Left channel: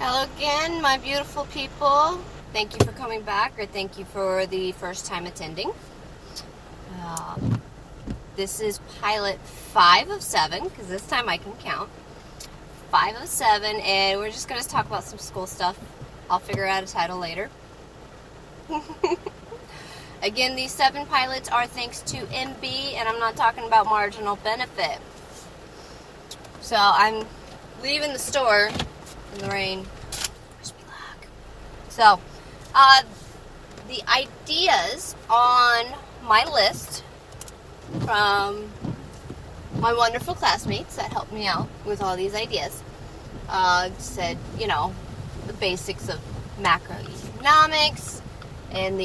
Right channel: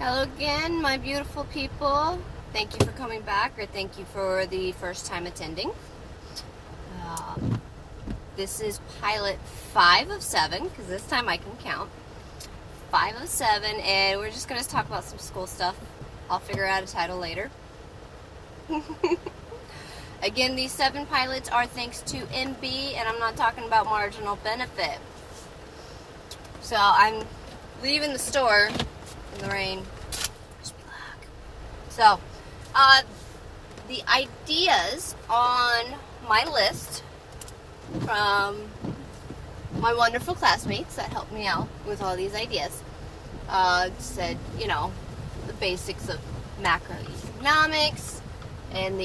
Hello again, my beautiful people. Thank you for coming back, or thank you for the first time attending. This is pilot 5 of 7, because this time I can count. 5 of 7, and we're just going to talk about some school stuff. I'll figure out a title later. Again, these 7 pilots are thanks to MB, and I'm not talking about marginal benefit. So I'm leaving the store in the rain. So, the ideas on my list from my wonderful classmates that helped me out with all these ideas said, the basics of macroeconomics and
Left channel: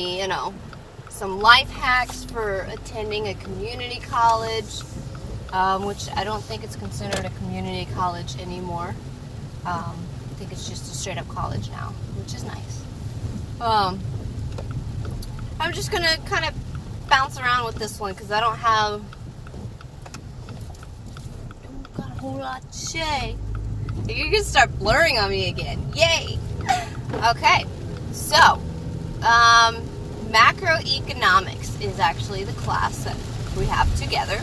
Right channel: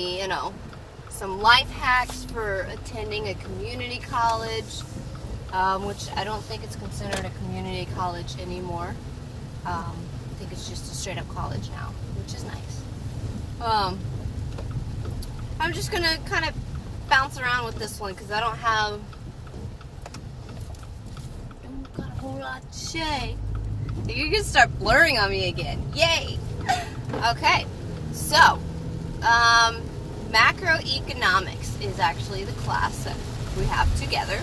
some life hacks for attending a community college, which I don't think it's considered a community college anymore. I think it's just a straight up college now, which is nice. I'm just going to kind of bounce around with this one because I don't got a whole lot to say. You're going to start blurring on me again. Yay! Okay, so macroeconomics is actually the class that we have together.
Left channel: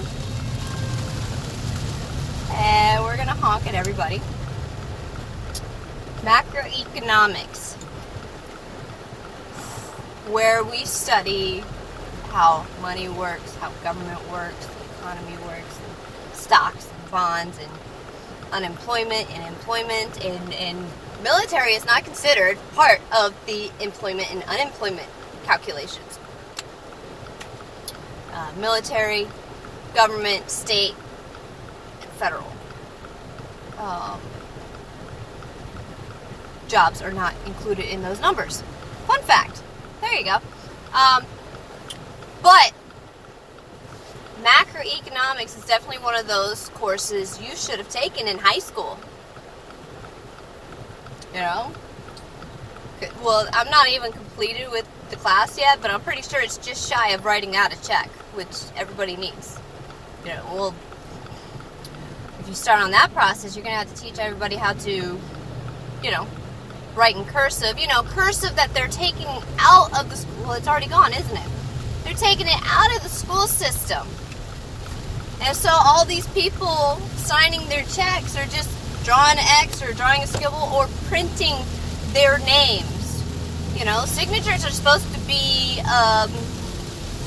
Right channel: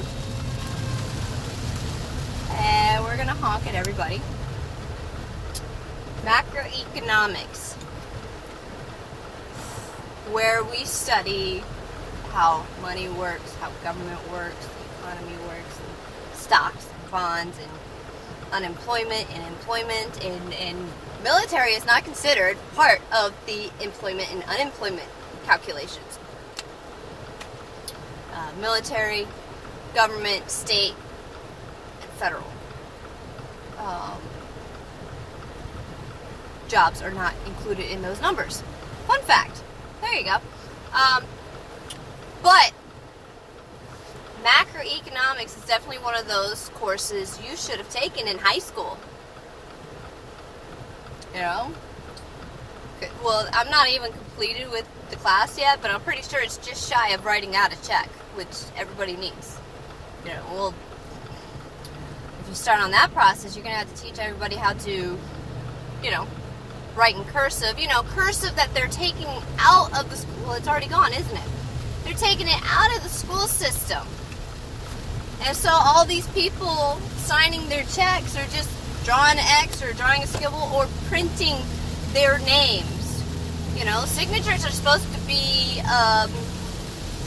And we're going to honk at everybody. Macroeconomics, where we study how money works, how government works, economy works, and stocks and bonds and unemployment and employment, and military is not considered part of the employment and unemployment calculations. Military, government, state, and federal jobs are not included in those numbers. Fun fact. There you go. But macroeconomics is definitely one of those courses you should have taken in high school. Well, I'm not even completed with the class yet, but I'm pretty sure it's just shy of writing out a check, which everybody needs. Well, if you start on that process, you're going to have to teach everybody how to, write in cursive. Cursive that they're taking out of the school. Well, it's already gone, isn't it? They're taking it out of the school system. And so all these people signing their checks are just drawing an X or drawing a scribble or printing their names. Signatures are supposed to be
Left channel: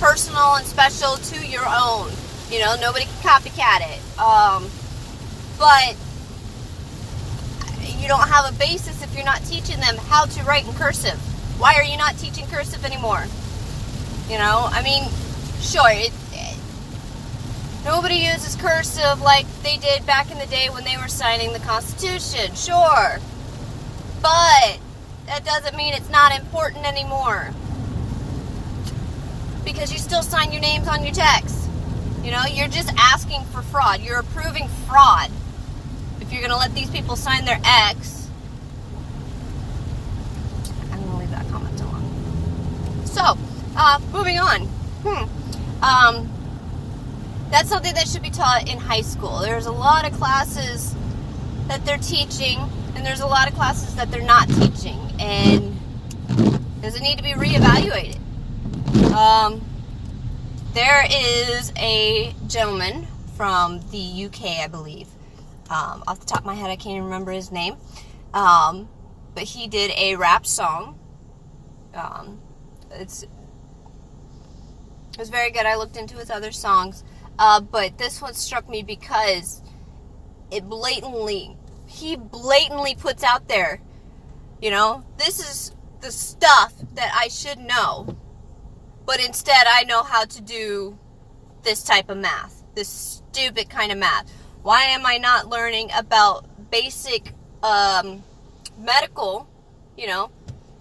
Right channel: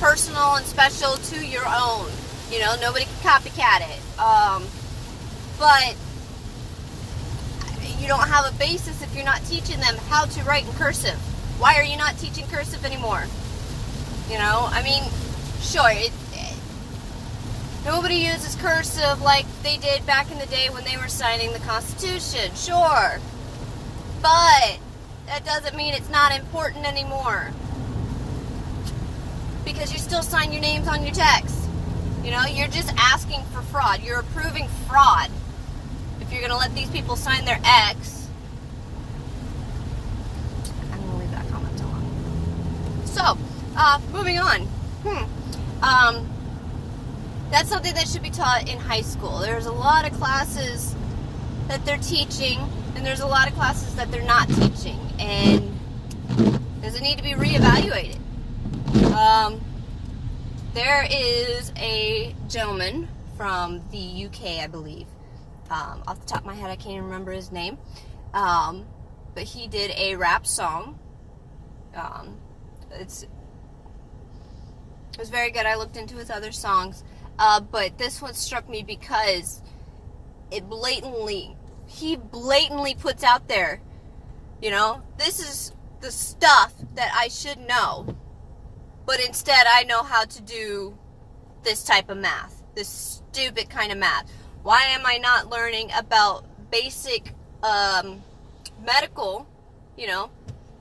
personal and special to your own. Nobody can copycat it. But you don't have a basis if you're not teaching them how to write in cursive. Why are you not teaching cursive anymore? Sure, nobody uses cursive like they did back in the day when they were signing the Constitution, sure. But that doesn't mean it's not important anymore. Because you still sign your names on your checks. You're just asking for fraud. You're approving fraud. If you're going to let these people sign their X, I'm going to leave that comment alone. So, moving on. That's something that should be taught in high school. There's a lot of classes that they're teaching, and there's a lot of classes that they're not teaching, and does it need to be reevaluated? There is a gentleman from the UK, I believe. Off the top of my head, I can't even remember his name. But he did a rap song. It was very good. I looked into his other songs. But this one struck me because he blatantly puts out there, this is the stuff that I should know. But instead, I know how to do this type of math. This stupid kind of math. Why am I not learning about basic medical, to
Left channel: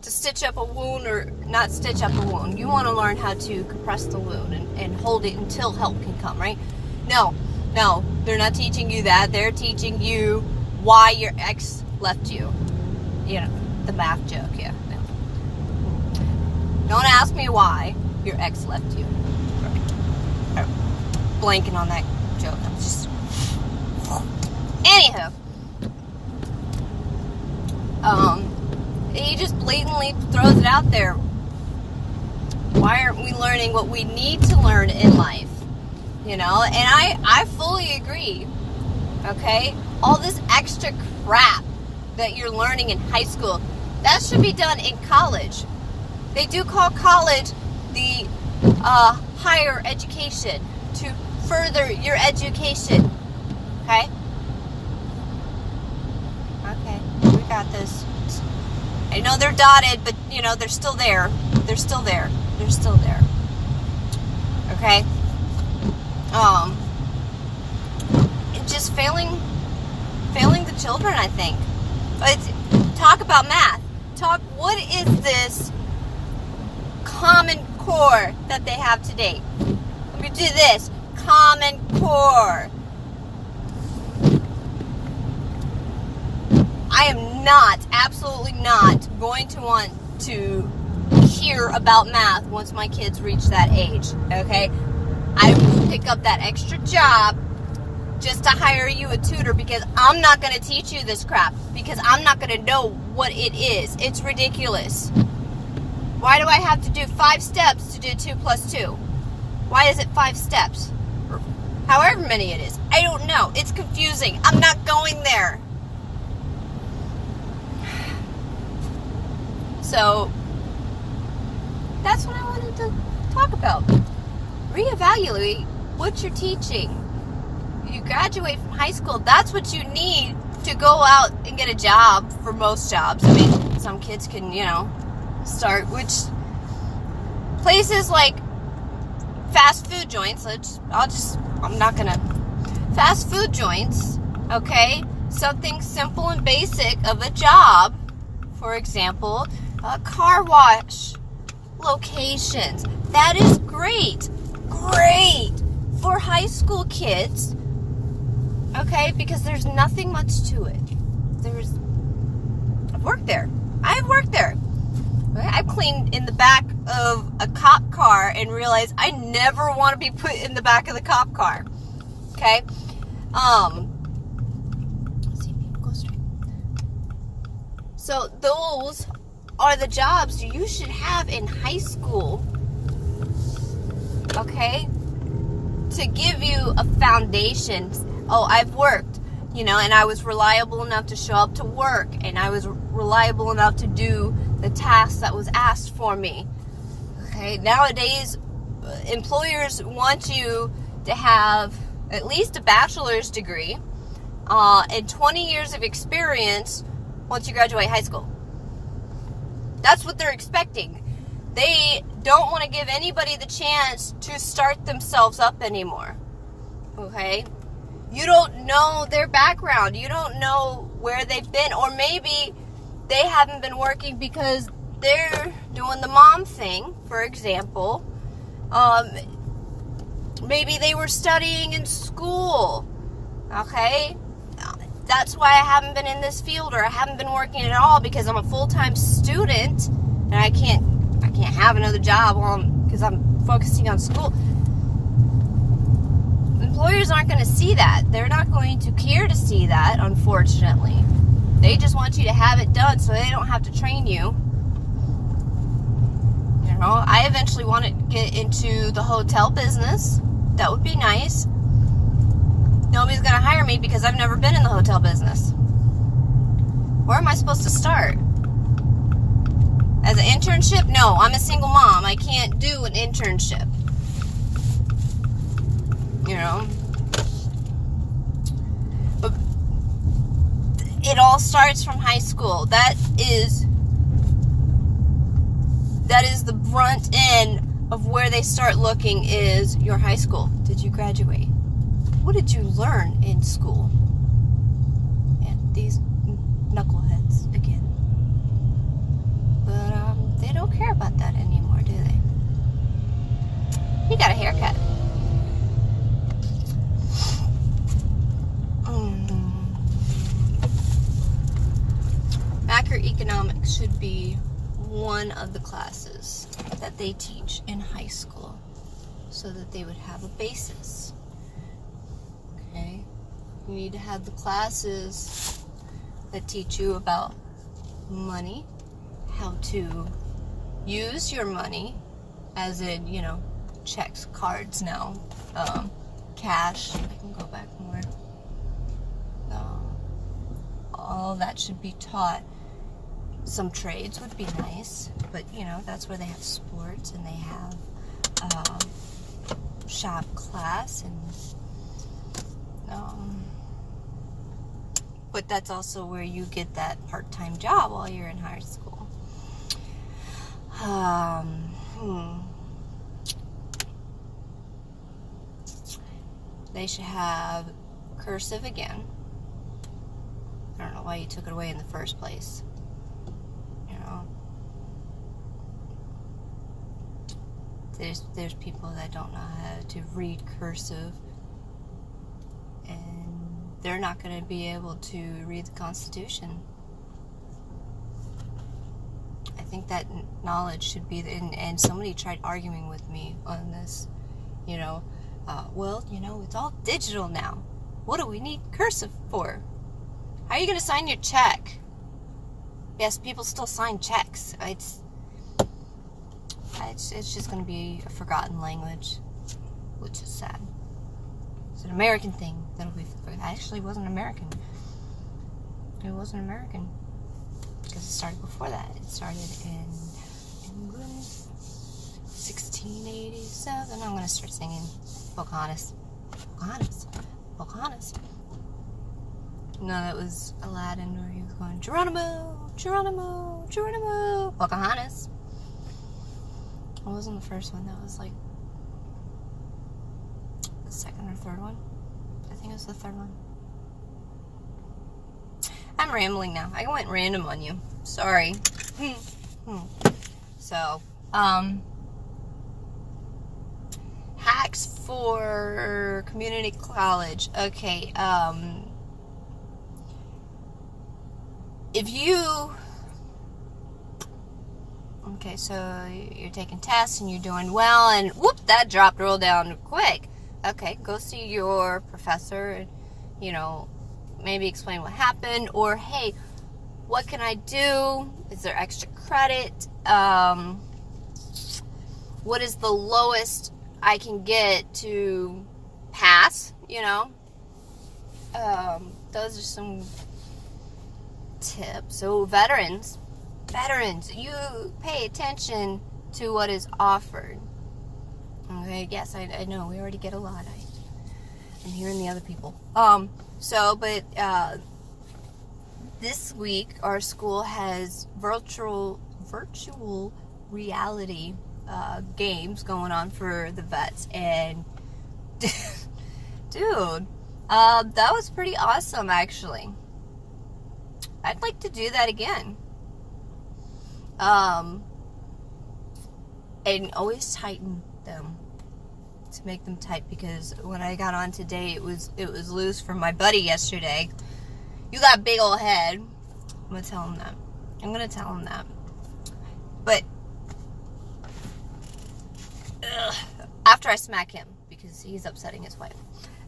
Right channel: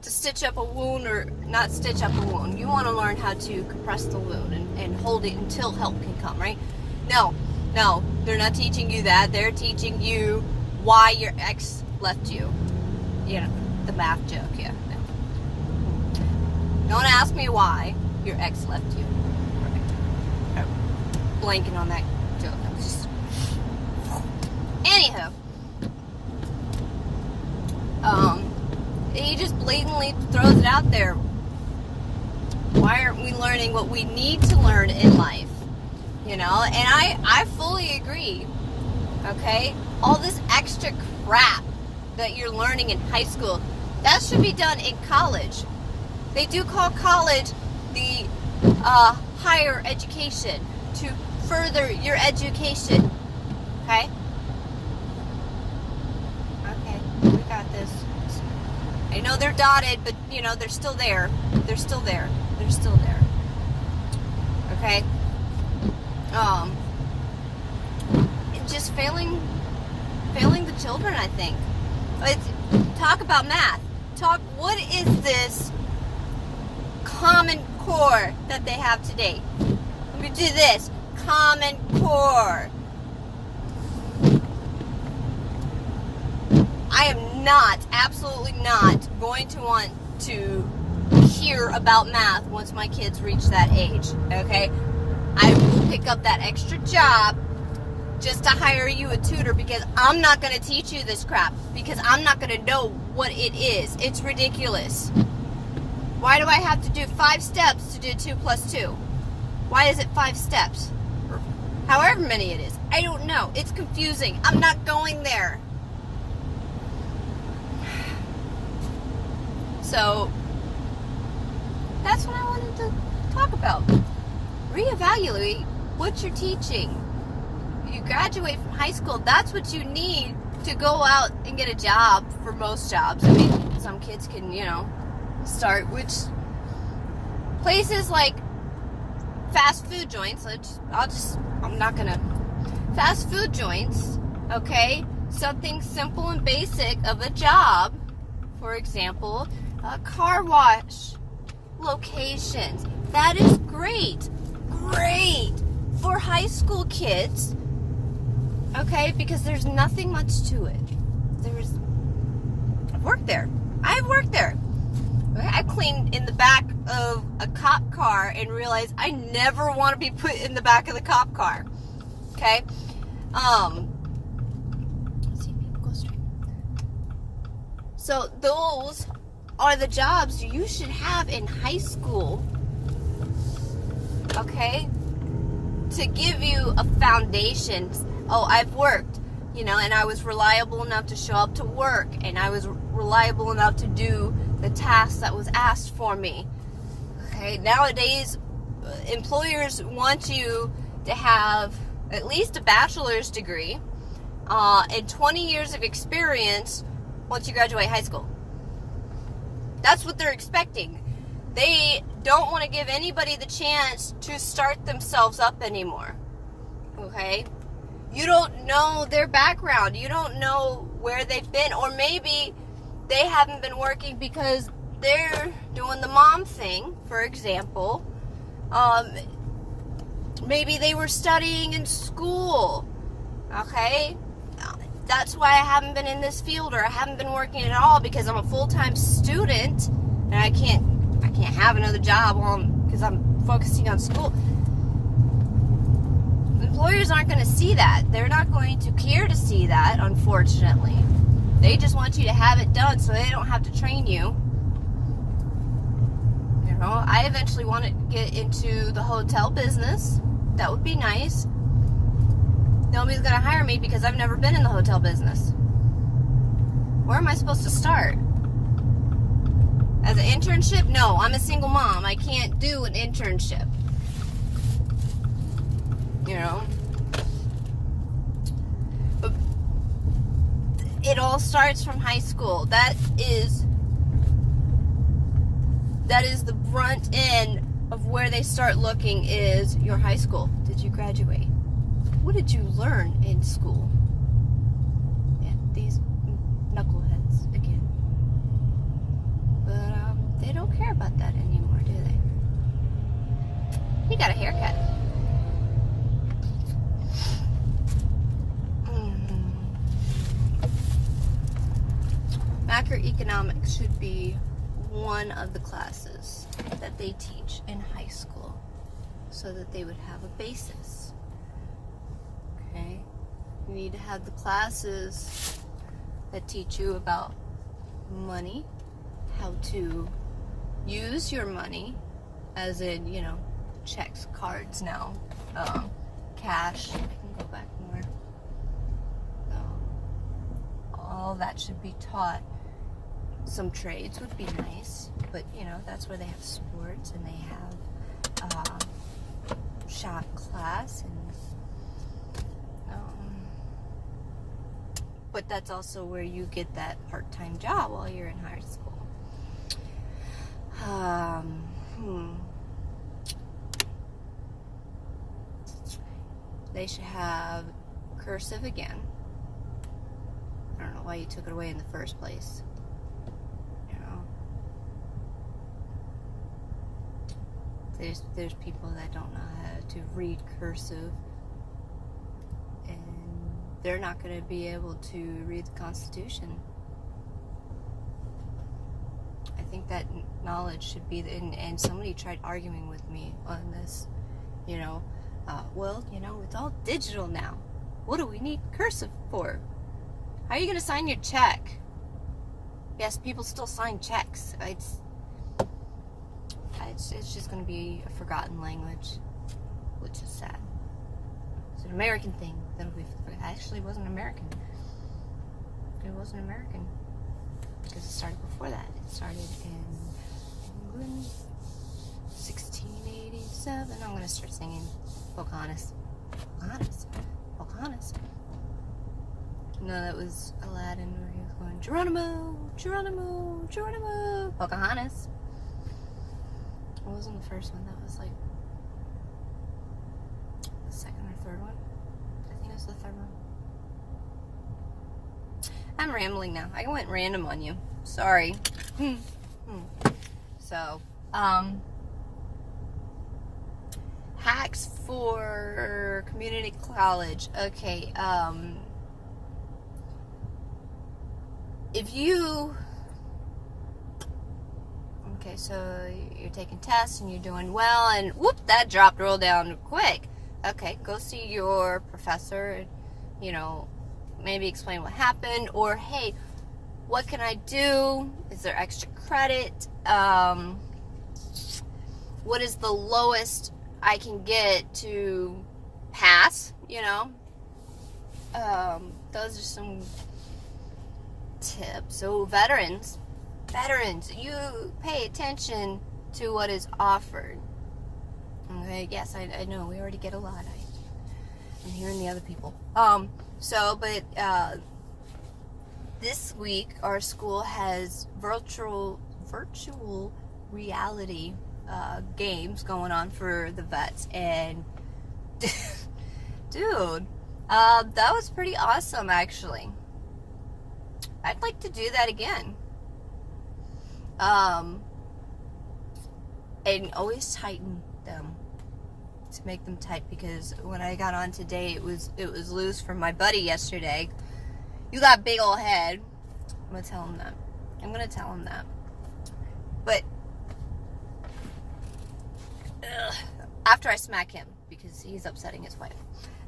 stitch up a wound or not stitch up a wound? You want to learn how to compress the wound and hold it until help can come, right? No, they're not teaching you that. They're teaching you why your ex left you. The math joke, yeah. No. Don't ask me why your ex left you. Blanking on that joke. I'm just... Anywho. He just blatantly throws it out there. Why aren't we learning what we need to learn in life? You know, and I fully agree. Okay? All this extra crap that you're learning in high school, that should be done in college. They do call college the higher education, to further your education. Okay? Okay, we got this. I know they're dotted, but, you know, they're still there. They're still there. They're still there. Okay? Just failing the children, I think. But talk about math. What is this Common Core that they have today? We do this. Common Core. I am not, absolutely not, going to want to hear about math once my kids reach that age, okay? I will pick up that extra job just to hire you a tutor, because I'm not going to teach you this crap, because I'm not going to know what it is. It's ridiculous. Why do I have to do 5 steps to do 2 plus 2? Why is it 5 steps? Or however many it is. I don't know. It's confusing. I'm not going there. So, that's what I wanted to talk about. Reevaluate what you're teaching. You graduate from high school, that's what you need to go out and get a job for most jobs. I mean, some kids can, you know, start, which places like fast food joints, fast food joints, okay? Something simple and basic of a job, for example, car wash locations. That is great for high school kids, okay? Because there's nothing much to it. I've worked there. I've cleaned in the back of a cop car and realized I never want to be put in the back of the cop car, okay? So those are the jobs you should have in high school, okay, to give you a foundation. Oh, I've worked, you know, and I was reliable enough to show up to work, and I was reliable enough to do the task that was asked for me. Okay, nowadays, employers want you to have at least a bachelor's degree and 20 years of experience once you graduate high school. That's what they're expecting. They don't want to give anybody the chance to start themselves up anymore. Okay? You don't know their background. You don't know where they've been. Or maybe they haven't been working because they're doing the mom thing, for example. Maybe they were studying in school. Okay? That's why I haven't been in this field, or I haven't been working at all, because I'm a full-time student and I can't have another job because I'm focusing on school. Employers aren't going to see that. They're not going to care to see that, unfortunately. They just want you to have it done so they don't have to train you. You know, I eventually want to get into the hotel business. That would be nice. Nobody's going to hire me because I've never been in the hotel business. Where am I supposed to start? As an internship? No, I'm a single mom. I can't do an internship. You know? But it all starts from high school. That is the brunt end of where they start looking, is your high school. Did you graduate? What did you learn in school? And these knuckleheads again. But they don't care about that anymore, do they? You got a haircut. Macroeconomics should be one of the classes that they teach in high school, so that they would have a basis. Okay? You need to have the classes that teach you about money, how to use your money, as in, checks, cards now, cash. I can go back more. All that should be taught. Some trades would be nice, but that's where they have sports and they have shop class, and but that's also where you get that part-time job while you're in high school. They should have cursive again. I don't know why you took it away in the first place. There's people that don't know how to read cursive, and they're not going to be able to read the Constitution. I think that knowledge should be, and somebody tried arguing with me on this, it's all digital now. What do we need cursive for? How are you going to sign your check? Yes, people still sign checks. It's just going to be a forgotten language, which is sad. It's an American thing that'll be forgotten. Actually, it wasn't American. It wasn't American because it started before that. It started in England, 1687. I'm going to start singing Pocahontas. Pocahontas. Pocahontas. No, that was Aladdin where he was going, Geronimo, Geronimo, Geronimo, Pocahontas. It wasn't the first one. That was like the second or third one. I think it was the third one. I'm rambling now. I went random on you. Sorry. So, hacks for community college. Okay, Okay, so you're taking tests and you're doing well, and whoop, that dropped real down quick. Okay, go see your professor, maybe explain what happened, or hey, what can I do? Is there extra credit? What is the lowest I can get to pass? Those are some tips. So veterans, you pay attention to what is offered. Okay, yes, I know we already get a lot. I'm hearing the other people. This week our school has virtual reality games going on for the vets, and dude, that was pretty awesome actually. I'd like to do that again. And always tighten them to make them tight, because when I got on today, it was loose from my buddy yesterday. You got a big old head. I'm gonna tell him that. But after I smack him, because he's upsetting his wife.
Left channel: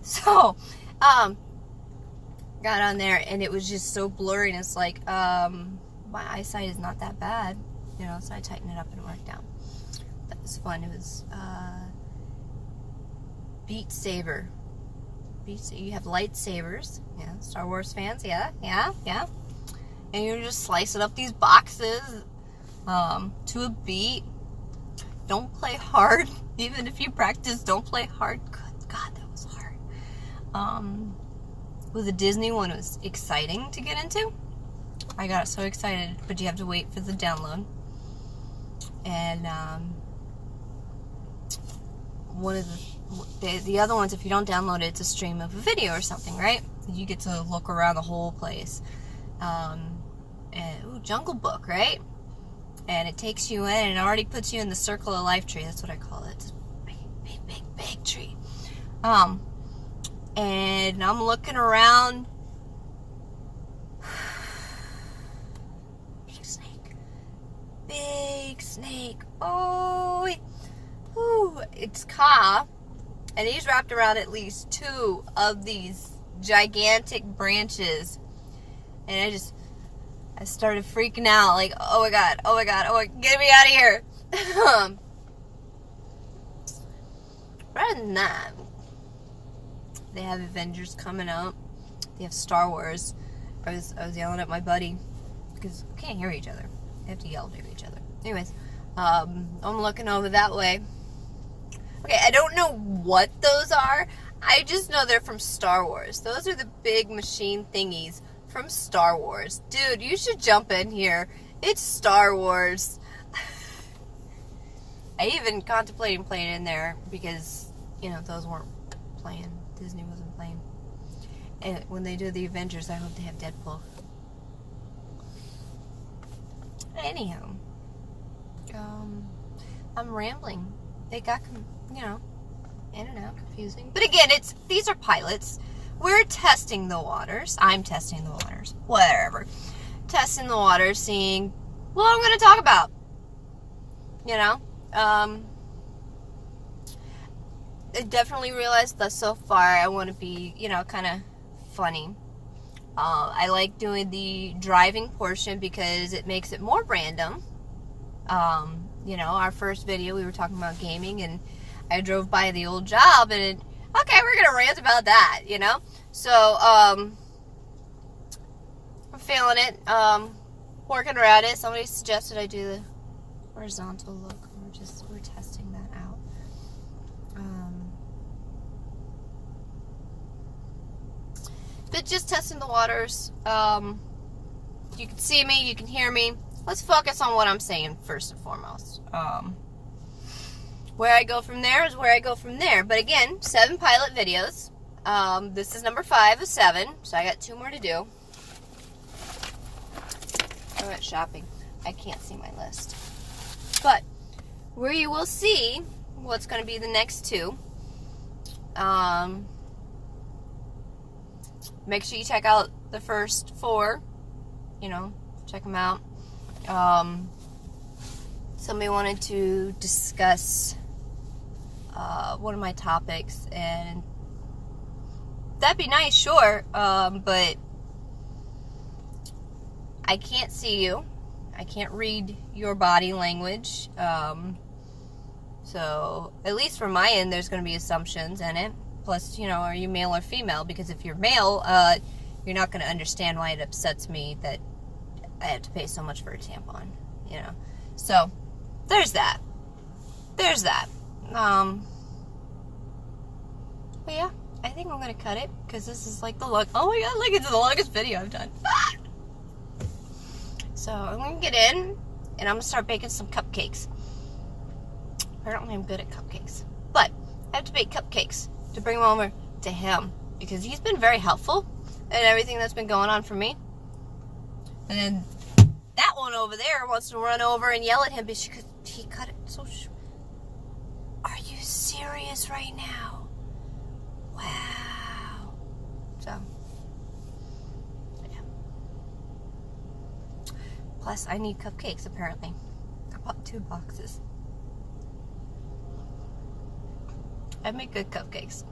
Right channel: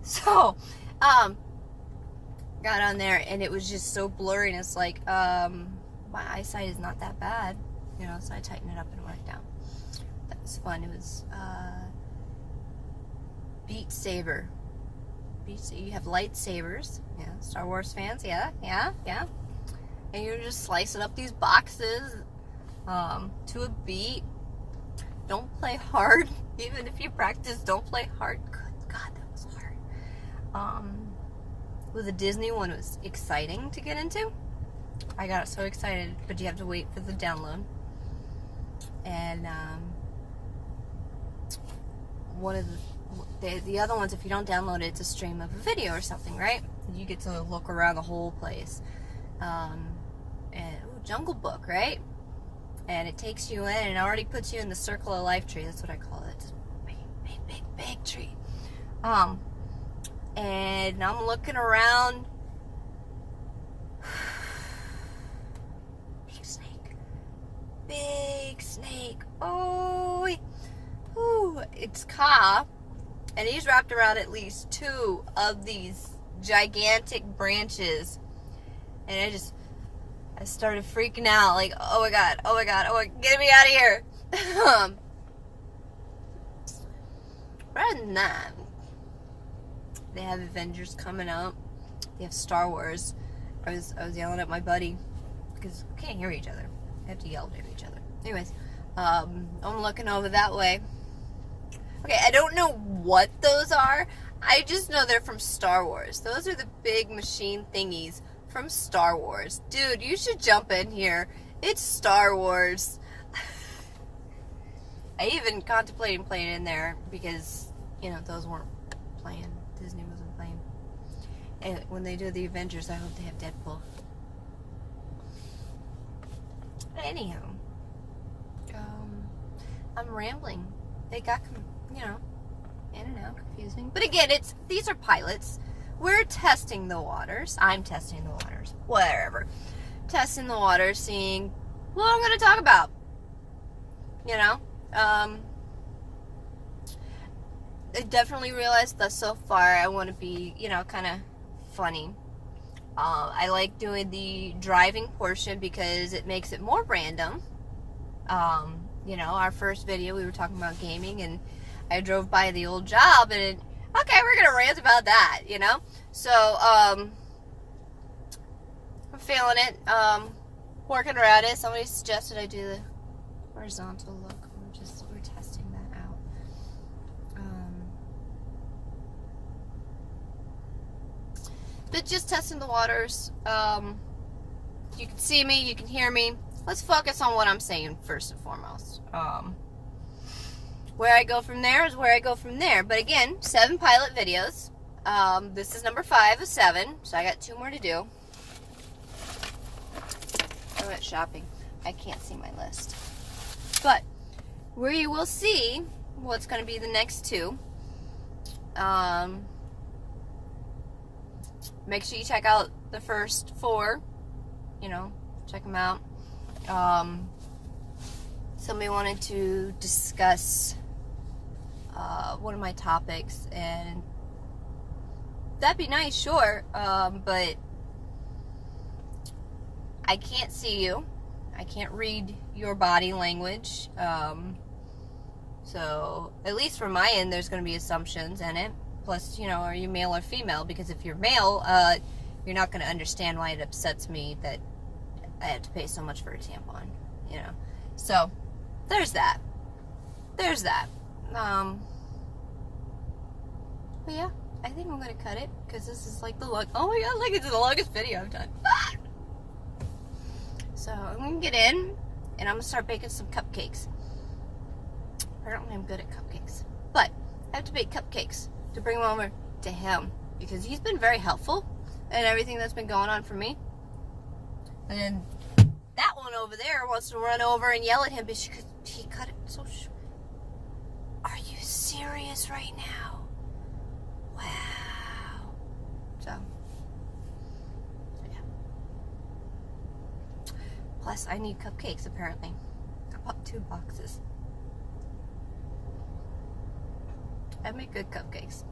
So, got on there and it was just so blurry, and it's like, my eyesight is not that bad, so I tightened it up and worked out. That was fun. It was Beat Saber. You have lightsabers, Star Wars fans, yeah. And you're just slicing up these boxes to a beat. Don't play hard. Even if you practice, don't play hard. Good God, that was hard. With the Disney one, it was exciting to get into. I got so excited, but you have to wait for the download. And one of the other ones, if you don't download it, it's a stream of a video or something, right? You get to look around the whole place. Jungle Book, right? And it takes you in, and it already puts you in the circle of life tree. That's what I call it. It's a big tree. And I'm looking around. Big snake. Oh, it's Ka, and he's wrapped around at least 2 of these gigantic branches, and I just I started freaking out, like, oh my god, get me out of here. Rather than that, they have Avengers coming out. They have Star Wars. I was yelling at my buddy because we can't hear each other. We have to yell to each other. Anyways, I'm looking over that way. Okay, I don't know what those are. I just know they're from Star Wars. Those are the big machine thingies from Star Wars. Dude, you should jump in here. It's Star Wars. I even contemplated playing in there because, you know, those weren't playing. Disney wasn't playing. And when they do the Avengers, I hope they have Deadpool. Anyhow, I'm rambling. They got, you know, in and out, confusing. But again, these are pilots. We're testing the waters. I'm testing the waters. Whatever. Testing the waters, seeing what I'm going to talk about. You know? I definitely realized that so far I want to be, you know, kind of funny. I like doing the driving portion because it makes it more random. You know, our first video we were talking about gaming, and I drove by the old job, and okay, we're gonna rant about that, you know. So I'm feeling it. Working around it. Somebody suggested I do the horizontal look. We're testing that out. But just testing the waters. You can see me, you can hear me. Let's focus on what I'm saying first and foremost. Where I go from there is where I go from there. But again, 7 pilot videos. This is number 5 of 7, so I got 2 more to do. I went shopping. I can't see my list. But where you will see what's going to be the next 2. Make sure you check out the first 4. You know, check them out. Somebody wanted to discuss one of my topics, and that'd be nice, sure, but I can't see you. I can't read your body language. So, at least from my end, there's going to be assumptions in it. Plus, you know, are you male or female? Because if you're male, you're not going to understand why it upsets me that I have to pay so much for a tampon, you know. So, there's that. There's that. But yeah, I think I'm going to cut it, because this is like the oh my god, like it's the longest video I've done. So, I'm going to get in, and I'm going to start baking some cupcakes. Apparently I'm good at cupcakes. But, I have to bake cupcakes to bring them over to him, because he's been very helpful in everything that's been going on for me. And then that one over there wants to run over and yell at him, but he cut it so short. Are you serious right now? Wow. So, yeah. Plus, I need cupcakes, apparently. I bought 2 boxes. I make good cupcakes.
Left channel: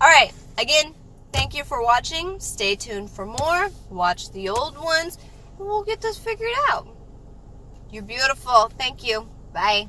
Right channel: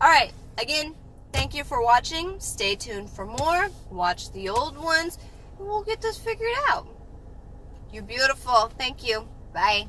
Alright, again, thank you for watching. Stay tuned for more. Watch the old ones, and we'll get this figured out. You're beautiful. Thank you. Bye.